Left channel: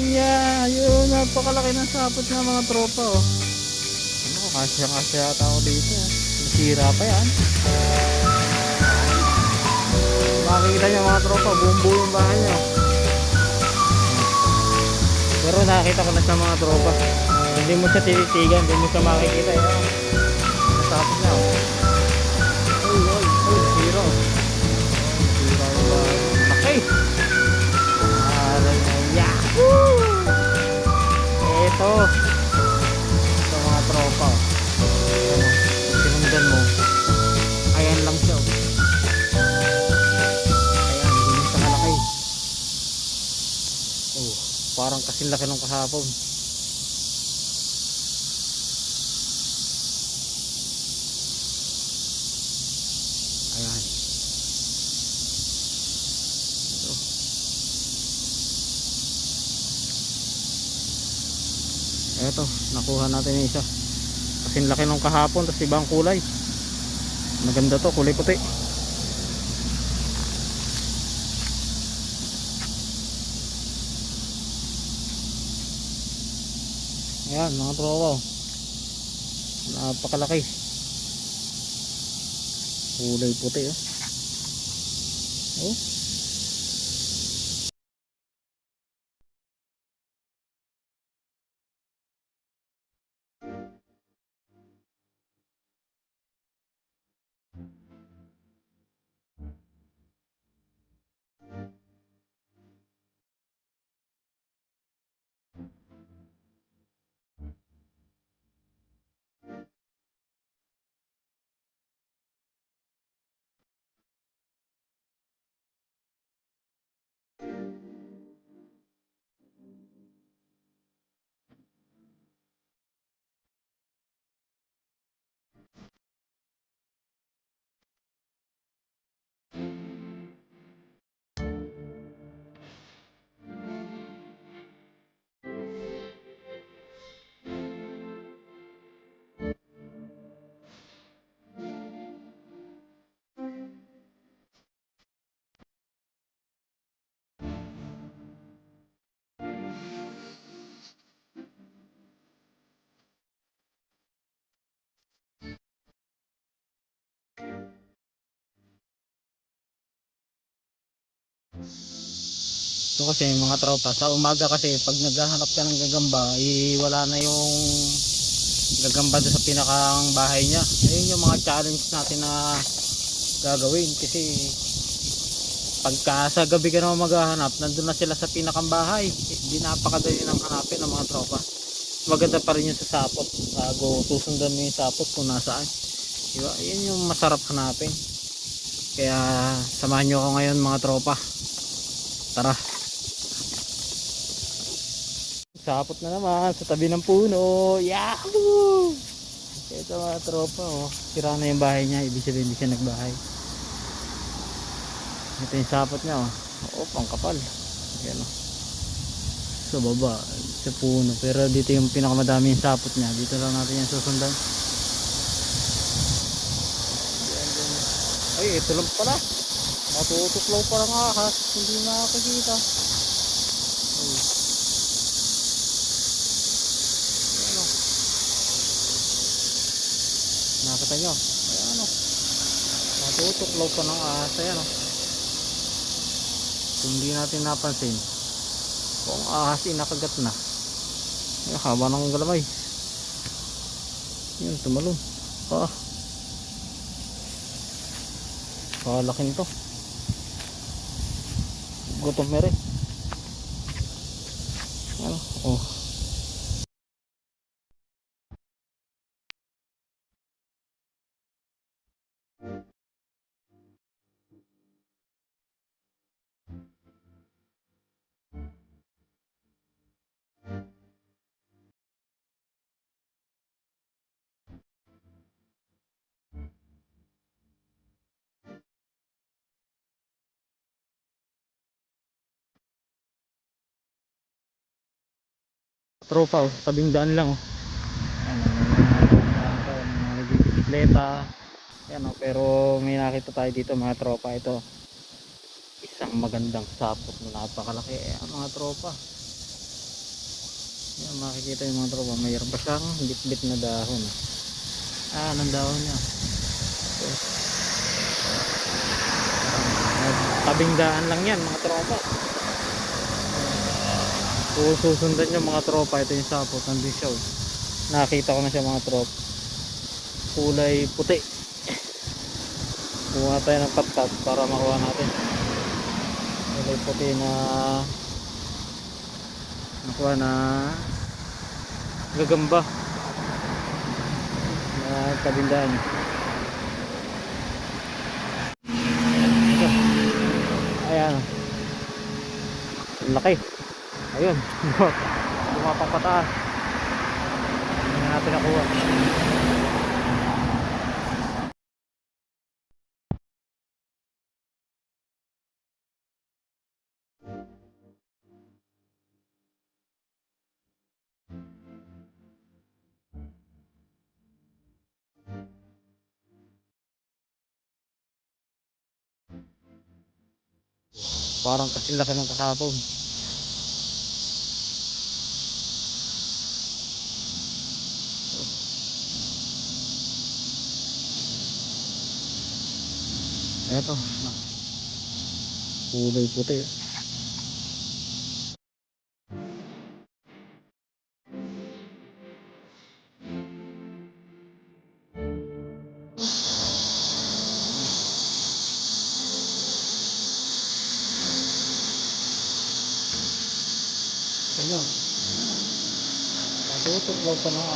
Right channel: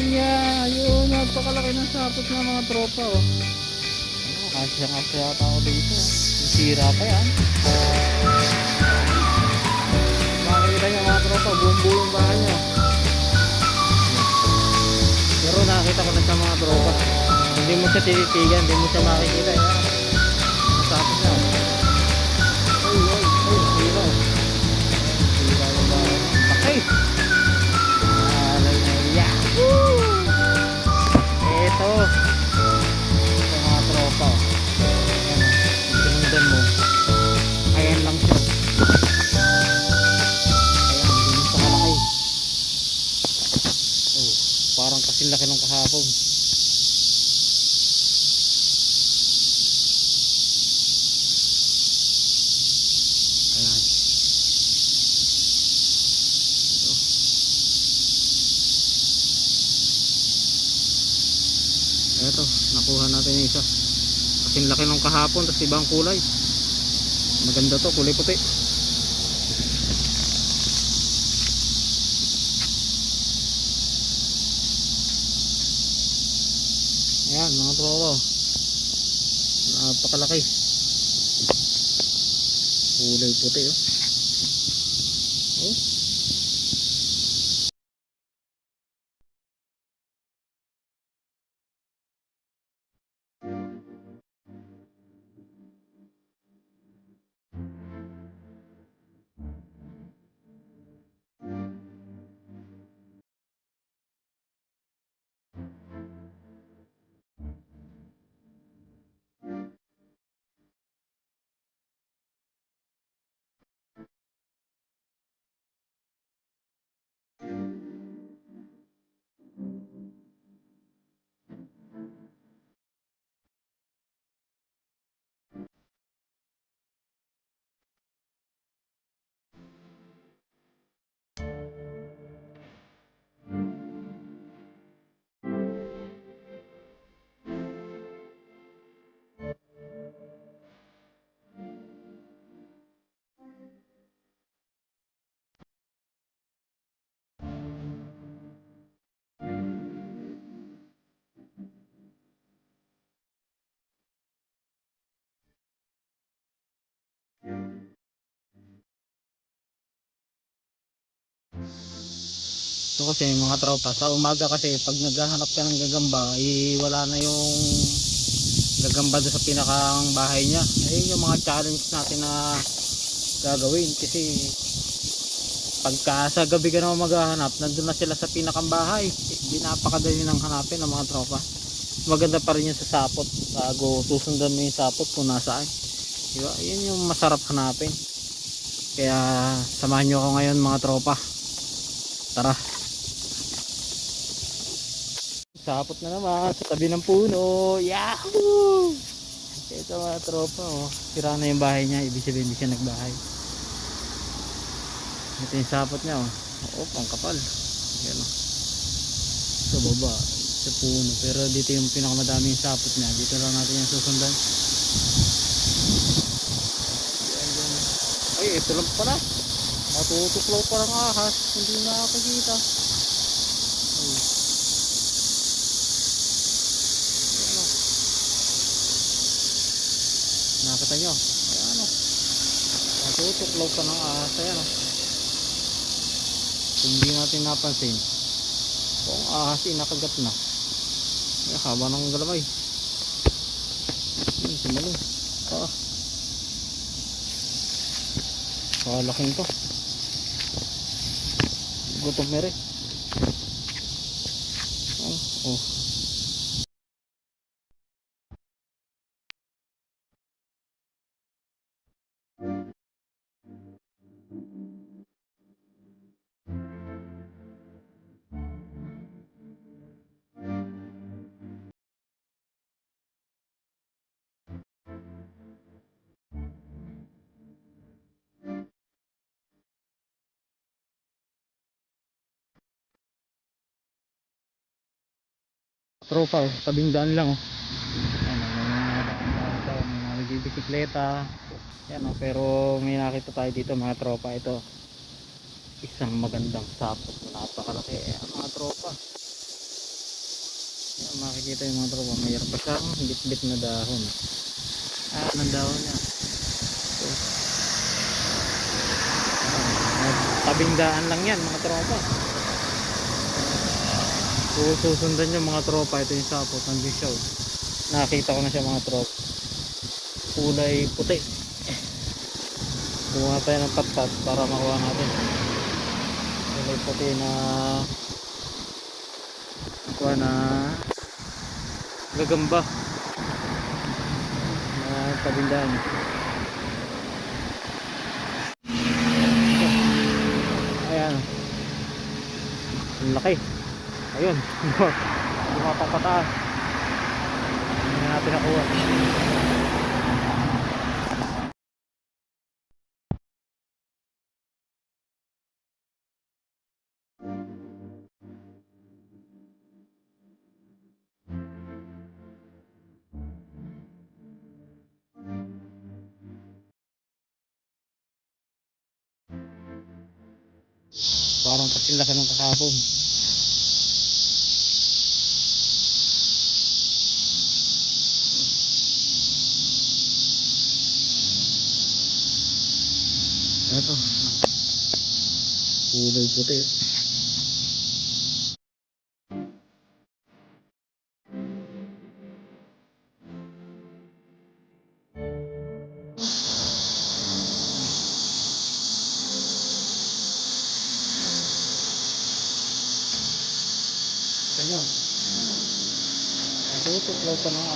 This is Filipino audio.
niya. Yun, napakalaki ng sapot ng mga tropa oh. Ano, kasya yata ako dito oh. Nasira pa yan. Makikita niyo mga tropa, buong-buo yung bahay niya. Pero nakita ko na sa mga tropa. Hindi mo siya tititigan, hindi mo siya makikita. Yan. Nasapot niya oh. Ay, zero. Zero yung bahay niya. Okay. Yahoo! Ito mga tropa oh. Ano, sinundan mo. Ayan lang siya. Ayan, hindi mo siya kalaki. Oh, parang kasing laki nung kahapon. Ayan. Ito. Eto, nakuha natin yung isa. Kasing laki nung kahapon, tapos ibang kulay. Maganda to, kulay puti. Ayan mga tropa, napakalaki. Kulay puti oh. Oh. Ito kasi mga tropa, sa umaga kasi pag naghahanap ka ng gagamba, wala na yung gagamba doon sa pinakang bahay niya. Ayun yung mga challenge natin na gagawin kasi pagka sa gabi ka naman maghahanap, nandun na sila sa pinakang bahay. Hindi napakadali ng hanapin ng mga tropa. Maganda pa rin yung sa sapot bago susundan mo yung sapot kung nasaan, diba? Yun yung masarap hanapin. Kaya samahan nyo ako ngayon mga tropa, tara. Sapot na naman sa tabi ng puno. Yahoo! Ito mga tropa oh. Sira na yung bahay niya, ibig sabihin hindi siya nagbahay. Ito yung sapot niya oh. Oh, pangkapal. Yan oh. Sa baba, sa puno. Pero dito yung pinakamadami yung sapot niya. Dito lang natin yung susundan. Yan. Ay, ito lang pala. Matutuklaw pa ng ahas. Hindi nakakikita. Oh. Nakita nyo, ayan o, matutuklaw pa ng ahas. Ayan o, kung hindi natin napansin, kung ahas inakagat na, ay, haba ng galamay. Yan, sumalong kalaking to, gutom mere. Ayan o, oh. Tropa oh, tabing daan lang oh. Ano, may nagbibisikleta. Yan oh, pero may nakita tayo dito mga tropa. Ito isang magandang sapot na napakalaki. Ayan mga tropa, makikita yung mga tropa, mayroon pa siyang bit-bit na dahon. Anong dahon niya? Okay. Tabing daan lang yan mga tropa. Kung susundan yung mga tropa, ito yung sapot, nandun siya. Nakita ko na siya mga tropa, kulay puti. Kumuha tayo ng patpat para makuha natin kulay puti na nakuha na gagamba na tabindaan. Ayan, ang laki. Ayun, lumapapataas. Hindi na natin nakuha. Parang kasing laki ng kahapon. Eto, kulay puti. Ganyan. Tutuklaw pa ng